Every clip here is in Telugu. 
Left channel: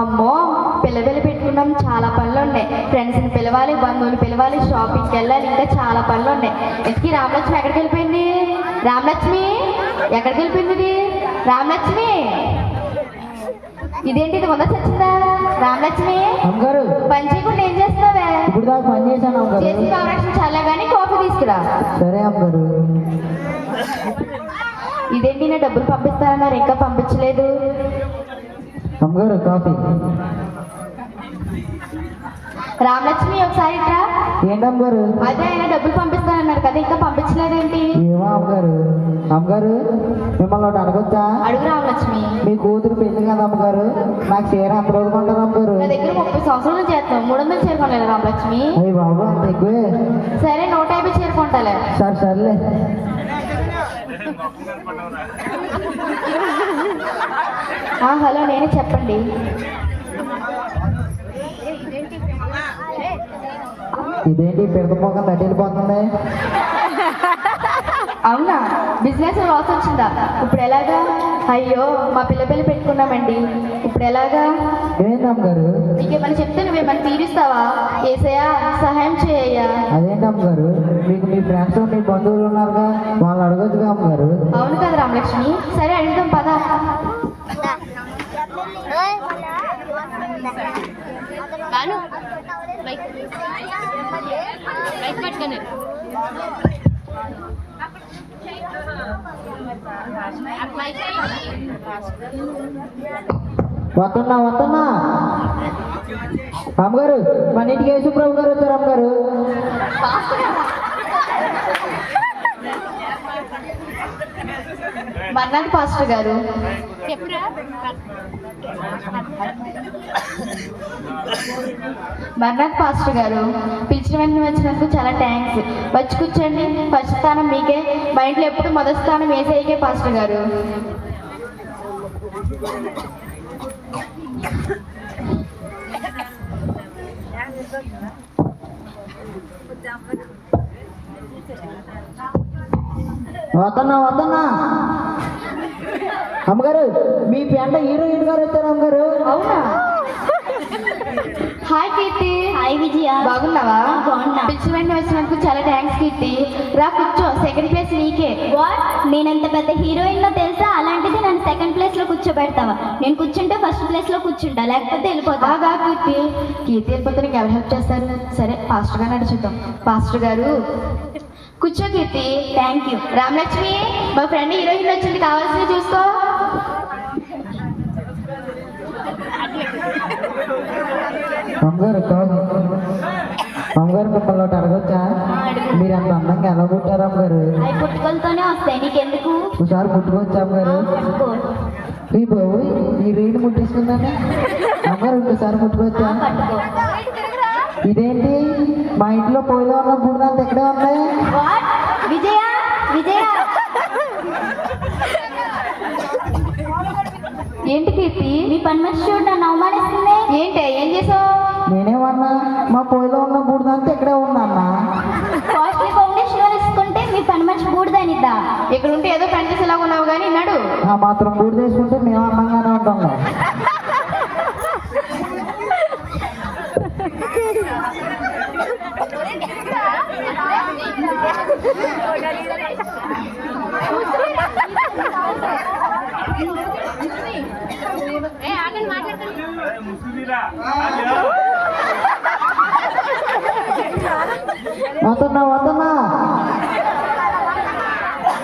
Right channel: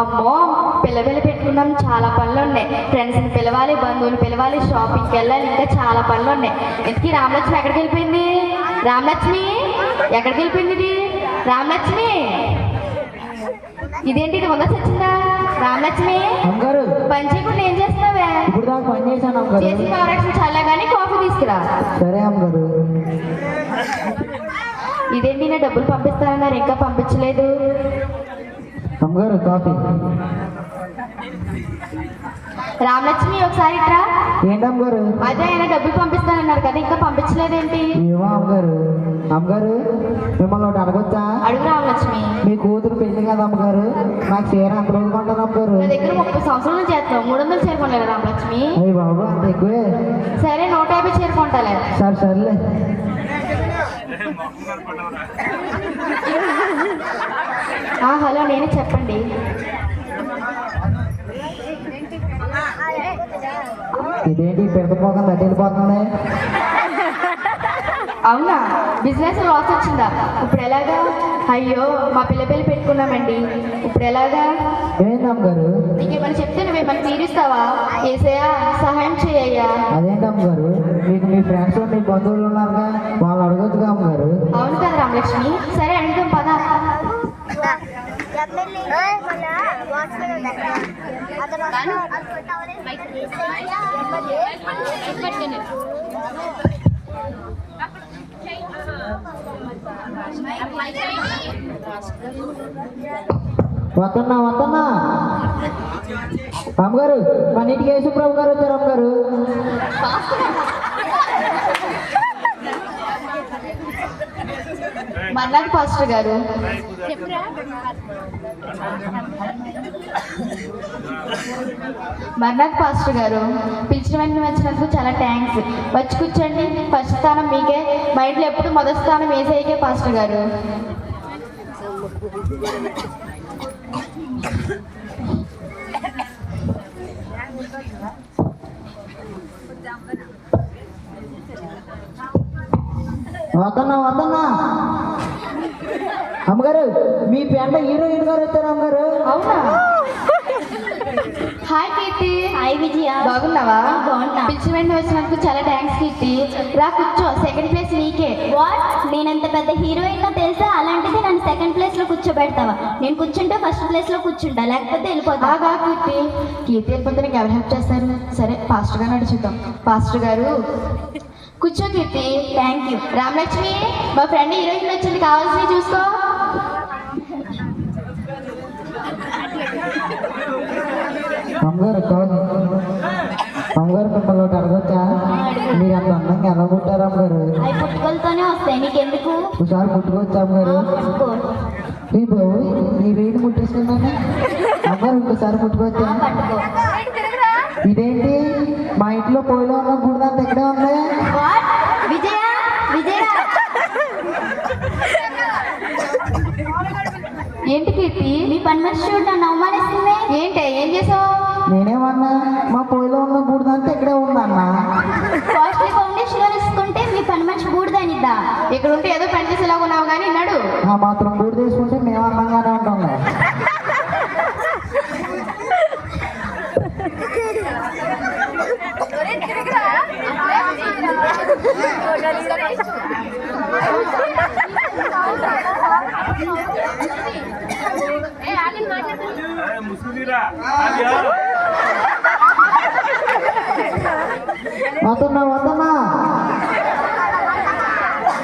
అమ్మో పిల్లలు పెట్టుకుందాం, చాలా పనులు ఉన్నాయి. ఫ్రెండ్స్ని పిలవాలి, బంధువులు పిలవాలి, షాపింగ్కి వెళ్ళాలి, ఇంకా చాలా పనులు ఉన్నాయి. ఇంతకీ రామలక్ష్మి ఎక్కడికి వెళ్ళిపోయింది? రామలక్ష్మి ఎక్కడికి వెళ్ళిపోయింది? ఇది రామలక్ష్మి, ఇదేంటి ఇది ఉందా చచ్చిందా? రామలక్ష్మి పని చేయకుండా ఏం చేస్తున్నావే? ఇప్పుడు దాకా పని చేశాను చేసి కావాల్సిన చాలా కానీ కాఫీ తీసుకురా. సరే అమ్మగారు. ఇదేంటి నేను డబ్బులు పంపిస్తానన్నారు, ఇంకా పంపించలేదు. అమ్మగారు కాఫీ. రామలక్ష్మి ఒకసారి ఇట్రా. ఏంటమ్మగారు? అదే ఆయన డబ్బులు పంపిస్తానన్నారు కదా, ఇంకా పంపించలేదేంటి? ఏమో అమ్మగారు. అమ్మగారు మిమ్మల్ని ఒకటి అడగొచ్చా? అడుగు రామలక్ష్మి. మీ కూతురు పెళ్లి కదా అమ్మగారు, నాకు చీర అంత రోజు కొంటారు అమ్మగారు? నా దగ్గర 30 సంవత్సరాల నుంచి చేస్తాం, 300 చేరుకోలేదు రామలక్ష్మి. అయ్యి బాబు అంత ఎక్కువే. సరే 150 చేరుకుంటాలే. సరే సర్లే. హలో నేను చెప్పండి. ఇదేంటి పెడకపోకుండా వెళ్ళిపోతుంది? అవునా, బిజినెస్ లాస్ వచ్చిందా? ఇప్పుడు ఎలాగా? అయ్యో మా పిల్లలు పెట్టుకున్నామండి, ఇప్పుడు ఎలాగా? ఏంటమ్మగారు? నీకేమని చెప్తే నువ్వేమని తీరుస్తావా? ఏసయ్యా సహాయం చేయయ్యా. అదేంటమ్మగారు, మీకు మీ ఫ్రెండ్స్ మీ బంధువులు ఉన్నారుగా, వాళ్ళు అడగొచ్చుగా అమ్మగారు? అవును కదా రామలక్ష్మి, సరే అడుగుతాం పద. వస్తున్నా వస్తున్నా. అమ్మగారు మన ఇంటికి యేసుప్రభు గారు వచ్చారు అమ్మగారు. మర్నాథ్ పాస్టర్ గారు. మర్నాథ్ పాస్టర్ గారు, పిలిచిన వెంటనే వచ్చినందుకు చాలా థ్యాంక్స్. వచ్చి కూర్చోండి. ఫస్ట్ స్థానం మీకే, మా ఇంట్లో ఎప్పుడు మొదటి స్థానం ఏసైకే పాస్టర్ గారు. వస్తున్నా వస్తున్నా. అమ్మగారు మీ పెంట హీరోయిన్ గారు వచ్చారు అమ్మగారు. అవునా? హాయ్ కీర్తి. హాయ్ విజయ. బాగున్నావా? బాగున్నా. పిలిచిన వెంటనే వచ్చినందుకు చాలా థ్యాంక్స్ కీర్తి. రా కూర్చో, సెకండ్ ప్లేస్ నీకే. వాట్? నేనంత పెద్ద హీరోయిన్ లో తెలుసా? అలాంటిది నన్ను సెకండ్ ప్లేస్ లో కూర్చోబెడతావా? నేను కూర్చుంటే ఫస్ట్ ప్లేస్ లో కూర్చుంటా, లేకపోతే వెళ్ళిపోతా. బాగా కీర్తి. కీర్తి వెళ్ళిపోతే నీకు ఎవరు హెల్ప్ చేస్తారు? సరే పాస్టర్ గారు అడుగుతాం. పాస్టర్ గారు కూర్చో కీర్తి. Thank you. రామలక్ష్మి, మా ఫ్రెండ్ హీరోయిన్ వచ్చింది, కావాల్సింది చూసుకో. అమ్మగారు కాదు. అమ్మగారు మిమ్మల్ని ఒకటి అడగొచ్చా? మీరు అంత అందంగా ఎలా పుట్టారు అమ్మగారు? అవి పుట్టుకలతోనే వస్తాయి, నీకెందుకు? ఒకసారి పుట్టుకొచ్చా అమ్మగారు? పుట్టుకో. ఈ బాబు ఈ రేణు ముట్టేసుకున్నాను అమ్మగారు. ఇంకోసారి పుట్టుకొచ్చా? పట్టుకో. ఇదేంటి మా ఇంట్లో పోయిలో ఉన్న బూడిదంతా ఎక్కడే ఉంది? వాట్? విజయ విజయ. ఏంటి కీర్తి? నీ పని మనిషి చూడు నన్ను అవమానిస్తుంది. ఏంటి ఏం చేసావు? నేనేమన్నా మా పొయ్యిలో ఉన్న బూడిదంతా ఎక్కడే ఉందన్నా. కాస్ట్లీ ఫౌండేషన్ వేసుకుంటే మీ పని మనిషి బూడిదనిద్దా? ఇక్కడ ఉంటే ఏదో పని చేసేలా ఉన్నావు కానీ నడు. ఆ మాత్రం బూడి చేసుకుంటే మేము అందంగానే ఉంటాం. వస్తున్నా వస్తున్నా.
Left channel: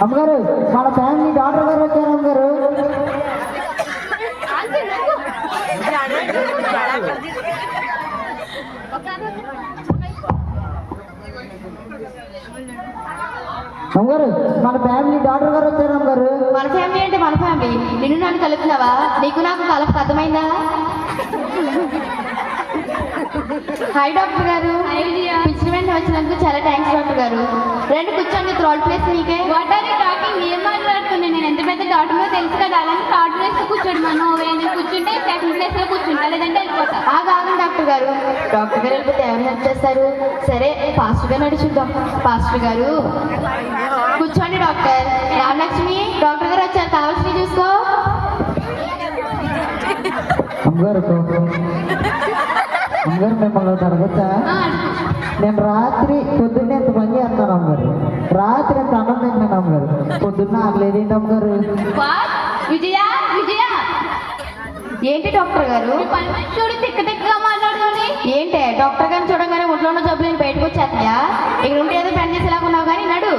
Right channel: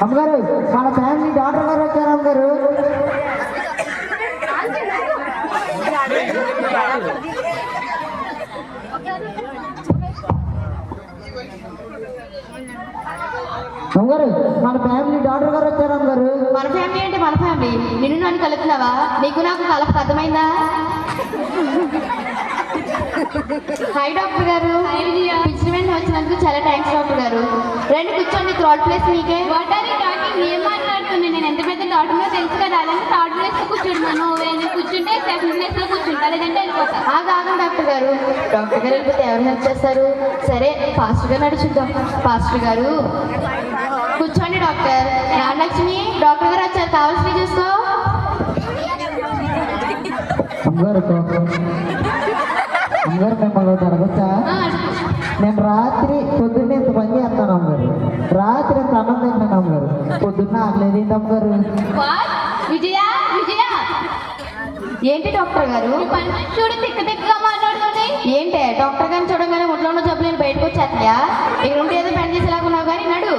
అమ్మగారు మన ఫ్యామిలీ డాక్టర్ గారు వచ్చారు అమ్మగారు. అమ్మగారు మన ఫ్యామిలీ డాక్టర్ గారు వచ్చారు అమ్మగారు. మన ఫ్యామిలీ అంటే మన ఫ్యామిలీ. నిన్ను నన్ను కలుపుతున్నావా? నీకు నాకు కలప అర్థమైందా? హాయ్ డాక్టర్ గారు. పిలిచిన వెంటనే వచ్చినందుకు చాలా థ్యాంక్స్ డాక్టర్ గారు. రండి కూర్చోండి, థర్డ్ ప్లేస్ మీకే. What are you talking? ఏం మాట్లాడుతున్నాను? నేను ఎంత పెద్ద డాక్టర్లో తెలుసు కదా, అలాంటి థర్డ్ ప్లేస్ లో కూర్చోడు. నువ్వు కూర్చుంటే సెకండ్ ప్లేస్ లో కూర్చుంటా, లేదంటే వెళ్ళిపోతా. ఆగండి డాక్టర్ గారు. డాక్టర్ గారు వెళ్ళిపోతే ఎవరు హెల్ప్ చేస్తారు? సరే పాస్టర్ గారు నడుచుద్దాం. పాస్టర్ గారు కూర్చోండి. డాక్టర్ రామలక్ష్మి, డాక్టర్ గారు వచ్చారు, కావాల్సినవి చూసుకో. అమ్మగారు అమ్మగారు మిమ్మల్ని ఒకటి అడగచ్చా? నేను రాత్రి పొద్దున్నే ఎంత పని చేస్తాను అమ్మగారు, రాత్రి ఎంత అన్నం తింటాను అమ్మగారు, పొద్దున్న ఆగలేదేంటి అమ్మగారు? విజయ విజయ ఏంటి డాక్టర్ గారు? చూడు తిక్క తిక్కగా మాట్లాడుతుంది. ఏంటే డాక్టర్ గారిని చూడగానే ఒంట్లో ఉన్న జబ్బులు బయటకు వచ్చేస్తాయా? ఇక్కడ ఉంటే ఏదో పని చేసేలాగా ఉన్నావు కానీ నడు.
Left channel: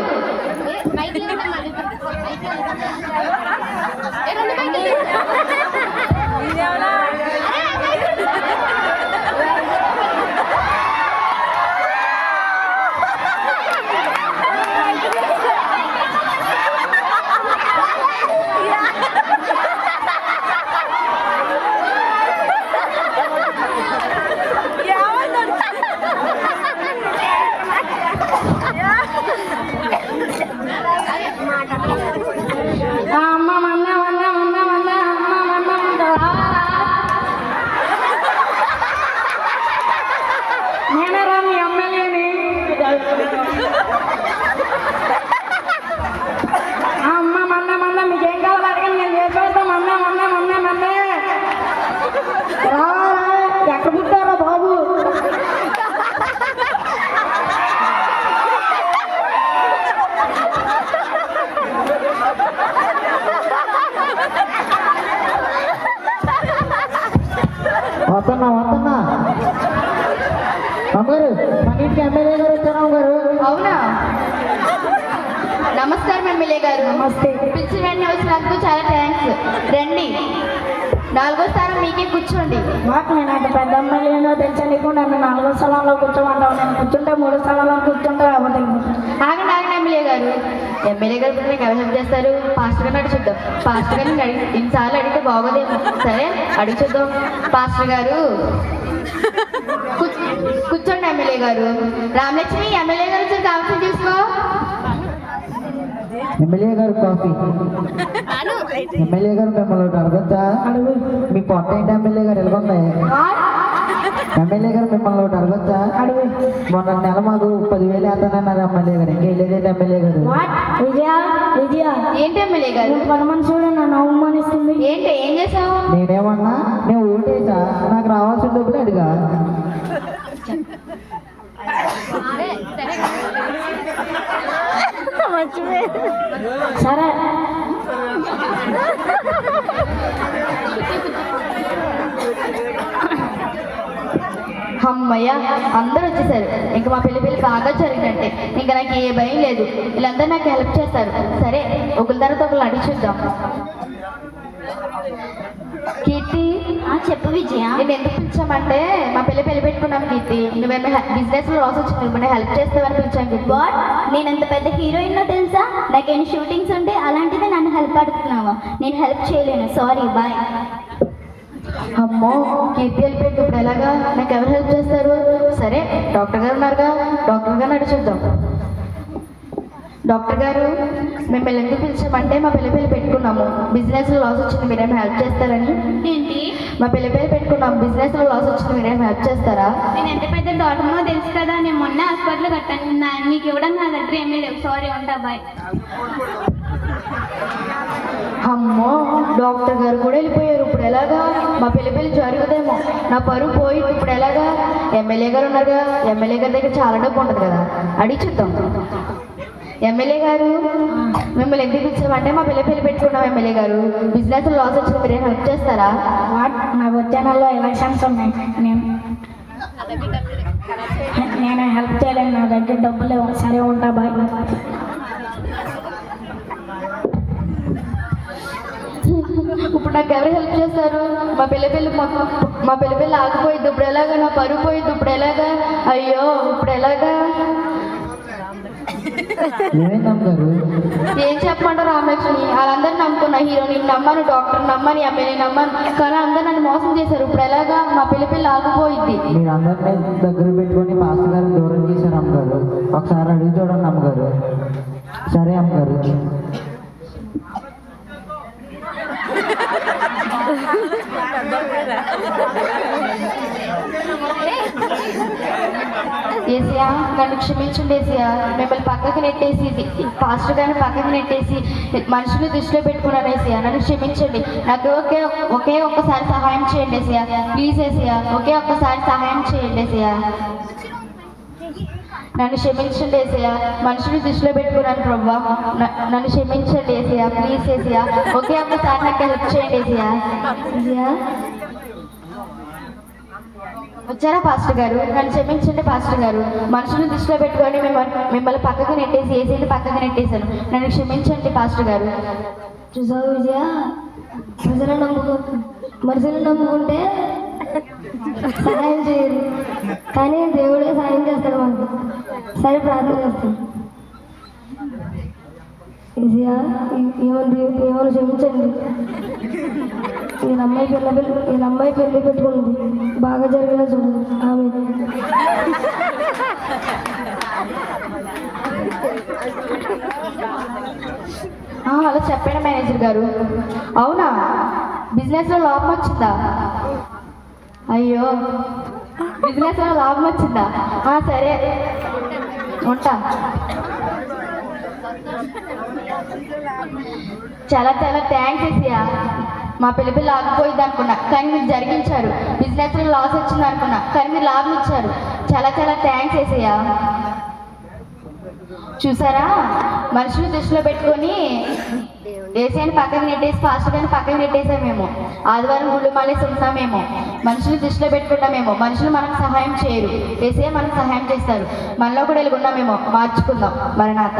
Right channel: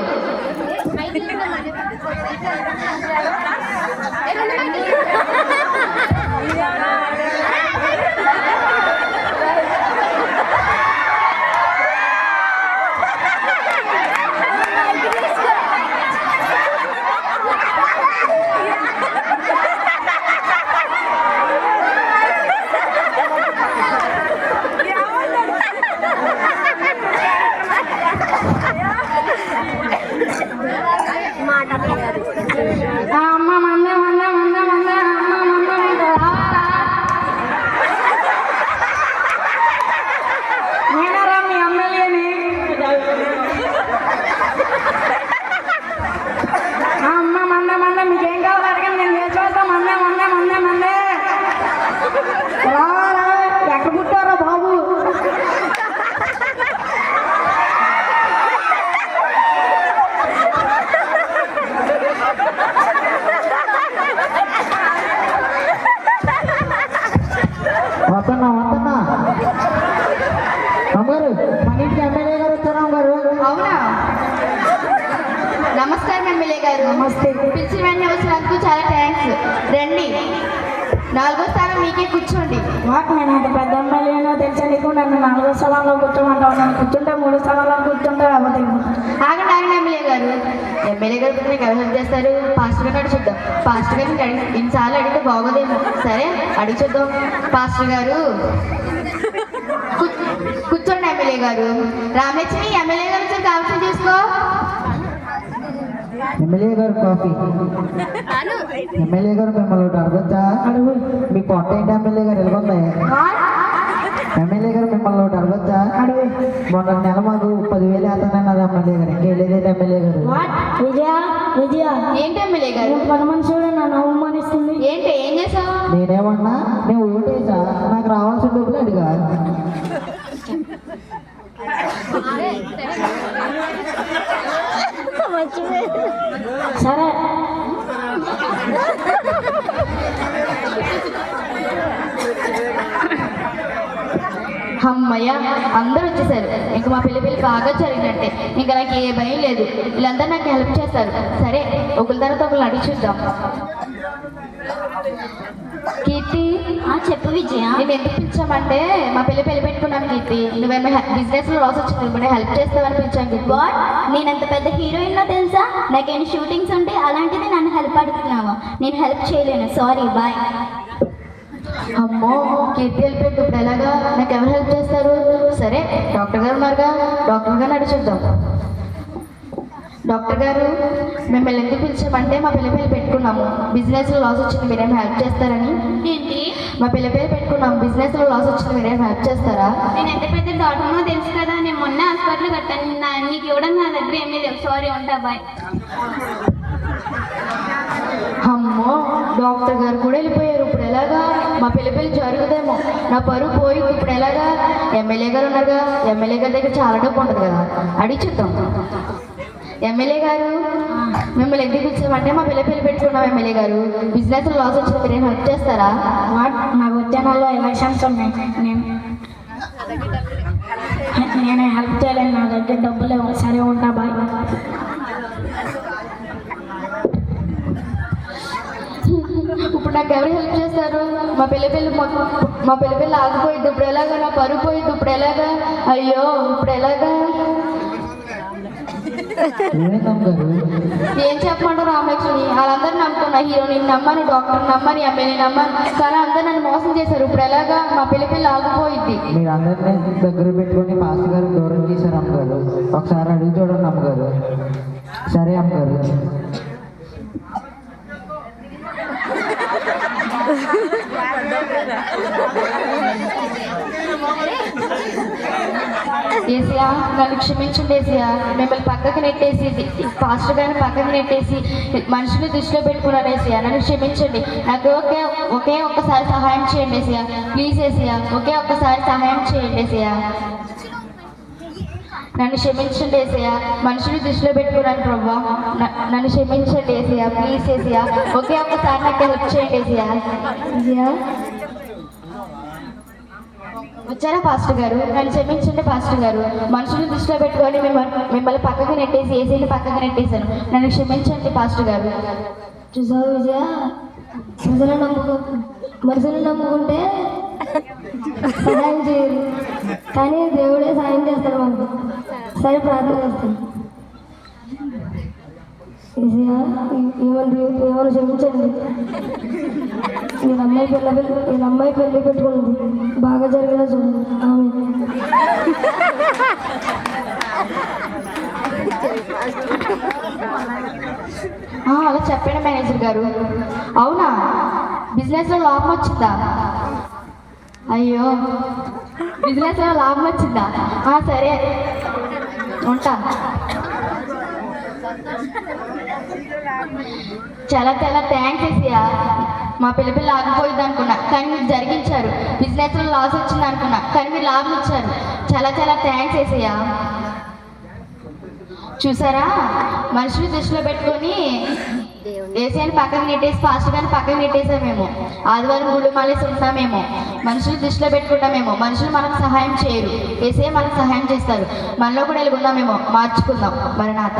వస్తున్నా అమ్మగారు, మన ఇంటికి ఎమ్మెల్యే గారు వచ్చారు అమ్మగారు. అవునా? నమస్కారం ఎమ్మెల్యే గారు. నమస్తే. పిలిచి వెంటనే వచ్చినందుకు చాలా థ్యాంక్స్. రండి, 4వ స్థానం మీకే, కూర్చోండి. మాకు నేను అంత పెద్ద అమ్మాయిలో తెలుసా నీకు? నన్ను 4వ స్థానంలో కూర్చోమంటావు. నేను కూర్చుంటే 3వ స్థానంలో కూర్చుంటే లేకపోతే ఆగండి ఎమ్మెల్యే గారు. ఎమ్మెల్యే గారు నాకు ఎవరు హెల్ప్ చేస్తారు? పాస్టర్ గారిని అడిగి చూద్దాం. పాస్టర్ గారిని ఇన్నిసార్లు అడిగితే బాగోదేమో. సరే అడిగి చూద్దాం. పాస్టర్ గారు కూర్చోండి. ఎమ్మెల్యే గారు. రామలక్ష్మి, ఎమ్మెల్యే గారు వచ్చి కాఫీ తీసుకో. ఎమ్మెల్యే గారు కాఫీ. ఎమ్మెల్యే గారు మిమ్మల్ని ఒకటి అడగచ్చా? మీ పొట్ట ఏంటి ఎమ్మెల్యే గారు? ఎలాగుంది? ఎమ్మెల్యే గారు మిమ్మల్ని ఒకటి అడగచ్చా? మొన్న నెల మాకు 10,000 వేస్తానన్నారు ఎమ్మెల్యే గారు. ఇంకా వెళ్ళేది ఎమ్మెల్యే గారు. విజయ ఏంటి ఎమ్మెల్యే గారు? పని మనుషులు నన్ను అవమానిస్తుంది. ఏంటి, ఏం చేసావు? నేనేమన్నా, నేను ఓటేసా, నాకు రావాల్సిన డబ్బులు అడిగా. సరే అమ్మయ్య, అందరూ వచ్చేసారు. ఇంకా మా పెళ్లి కాగా జరిగినట్టే. ఇంకా నాకు ఏ భయం లేదు. వీళ్ళందరూ నాకు హెల్ప్ చేస్తారు. సరే ఒకరి తర్వాత ఒకరు అడిగి చూద్దాం. కీర్తి, చెప్పు విజయ. నేను ఎందుకు పిలిచామంటే మా పెళ్లి పెట్టుకున్నాను. కీర్తి, నువ్వేమో బిజినెస్ లో లాస్ వచ్చింది, నువ్వు హెల్ప్ చేస్తావని పిలిచాను. గాడ్, నేను అంత పెద్ద హీరోయిన్ లో తెలుసా? నాకేమైనా షూటింగ్స్ ఉంటే అలాంటిది నన్ను హెల్ప్ అడుగుతున్నావా? నేను హెల్ప్ చేయలేను, సారీ, బాయ్. అమ్మో, కీర్తి వెళ్ళిపోయింది. ఇప్పుడు ఎలాగా? నాకు ఎవరు హెల్ప్ చేస్తారు? సరే డాక్టర్ గారు ఉన్నారుగా, డాక్టర్ గారిని అడిగి చూద్దాం. డాక్టర్ గారు, మేము పెళ్ళి ఎందుకు పిలిచామంటే మా పెళ్లి పెట్టుకున్నాము, బిజినెస్ లో లాస్ వచ్చింది, మీరేమో హెల్ప్ చేస్తారని. ఏంటి? మా పెళ్లి పెట్టుకున్నాము, బిజినెస్ లో లాస్ వచ్చింది, మీరేమో హెల్ప్ చేస్తారా? నేను ఎంత పెద్ద డాక్టర్నో తెలుసు కదా. నేను మొన్న హాస్పిటల్ కట్టాను. నీకు ఇవ్వడం నా దగ్గర ఏమీ లేవు, సారీ, ఉంటా, బాయ్. అమ్మో, డాక్టర్ గారు కూడా వెళ్ళిపోయారు. ఇప్పుడు ఎలాగా? మా పెళ్లి జరుగుదేమో, నా పరువు పోయింది. ఇప్పుడు ఎలాగా? ఎమ్మెల్యే గారు ఉన్నారుగా, ఎమ్మెల్యే గారి దగ్గర చాలా డబ్బు ఉంటుంది కదా, అడిగి చూద్దాం. ఎమ్మెల్యే గారు, మిమ్మల్ని ఎందుకు పిలిచామంటే మా పెళ్లి పెట్టుకున్నాం. ఎమ్మెల్యే గారు, బిజినెస్ లాస్ వచ్చింది, మీరేం హెల్ప్ చేస్తారా? నా వచ్చే నెలలో ఎలక్షన్స్ ఉన్నాయి. నేను హెల్ప్ చేయలేను, నా దగ్గర డబ్బులు లేవు. సరే, ఉంటా, బాయ్. ఇప్పుడు నాకు ఎవరు హెల్ప్ చేస్తారు? మా పెళ్లి ఆగిపోయింది. ఇప్పుడు ఎలాగా? నా పరువు పోయింది. ఇప్పుడు ఎలాగా? అయ్యో, ఇప్పుడు ఎలాగా? ఏం చెప్పమంటారు రామలక్ష్మి? వాళ్ళందరూ నమ్ముకున్నా. హీరోని నమ్మను, డాక్టర్ నమ్మని, ఎమ్మెల్యే నమ్మను, కానీ అందరూ నన్ను మోసం చేశారు. ఇప్పుడు ఎలాగా? మా పెళ్లి ఆగిపోయింది. మీరు అందరినీ దగ్గర పెట్టుకొని పాస్టర్ గారు దూరం చేశారు అమ్మగారు. ఒకసారి అడిగి చూడండి అమ్మగారు. సరే అమ్మగారు. ఏసియా, నన్ను క్షమించండి ఏసియా. మిమ్మల్ని పక్క పక్కకి నెట్టేసి పాస్టర్ గారిని పక్కకి నెట్టేసి మనుషులు దృష్టిలో పెట్టుకున్నాను ఏసయ్య. నన్ను క్షమించండి. నాకు ఒకే ఒక్కసారి సహాయం చేయండి ఏసయ్య. ప్లీజ్ ఏసయ్య, ఒకే ఒక్కసారి సహాయం చేయండి ఏసయ్య. నన్ను క్షమించండి ఏసయ్య. మనుషులు దృష్టిలో పెట్టుకున్నాను ప్రభా. నన్ను క్షమించండి ఏసయ్య. ప్లీజ్ ఏసయ్య, ఒకే ఒక్కసారి నాకు హెల్ప్ చేయండి ఏసయ్య. ఏసయ్య వచ్చారా పాస్టర్ గారు? నన్ను క్షమించండి పాస్టర్ గారు. మనుషులు దృష్టిలో పెట్టుకొని మిమ్మల్ని పక్కకి నెట్టేసి ఏసీని పక్కకి నెట్టేశాను. నన్ను క్షమించండి పాస్టర్ గారు. చూసావు విజయ, మనుషులు నమ్ముకుంటే సహాయం చేయరు, కానీ దేవుడే సహాయం చేస్తాడు మనకు. సరే ప్రార్థన చేస్తాడు. విజయ ఏమని క్షమించండి. వీళ్ళ అమ్మాయి పెళ్లి పెట్టుకుంది, బాగా జరిగేలా చూడండి. ఆమె అలా చెప్పండి మేనేజర్ గారు. అవునా, బిజినెస్లో లాభం వచ్చిందా? అయ్యో, బిజినెస్లో లాభం వచ్చిందా? సరే ఉంటా. చాలా చాలా థ్యాంక్స్ ఏసయ్య. మా పిల్ల ఆగిపోయింది అనుకున్నా, కానీ మీరు జరిగించారు. బిజినెస్లో లాస్ వచ్చింది అనుకున్నా, కానీ మీరు లాభం ఇచ్చారు. చాలా చాలా థ్యాంక్స్ ఏసయ్య. చూసారా, మనుషులు దృష్టిలో పెట్టుకొని ఏసైని పక్కన నెట్టేసి పాస్టర్ గారిని పక్కన నెట్టేసామేమో. ఆదివారం గుళ్ళు మాలేసి ఉంటామేమో. మనుషులు దృష్టిలో పెట్టుకుంటామేమో. మనుషులు మనకు సహాయం చేయరు, ఏసై మనకు సహాయం చేస్తారు. మనలో కూడా వెలుగున్నామేమో. మార్చుకుందాం. మరణాత.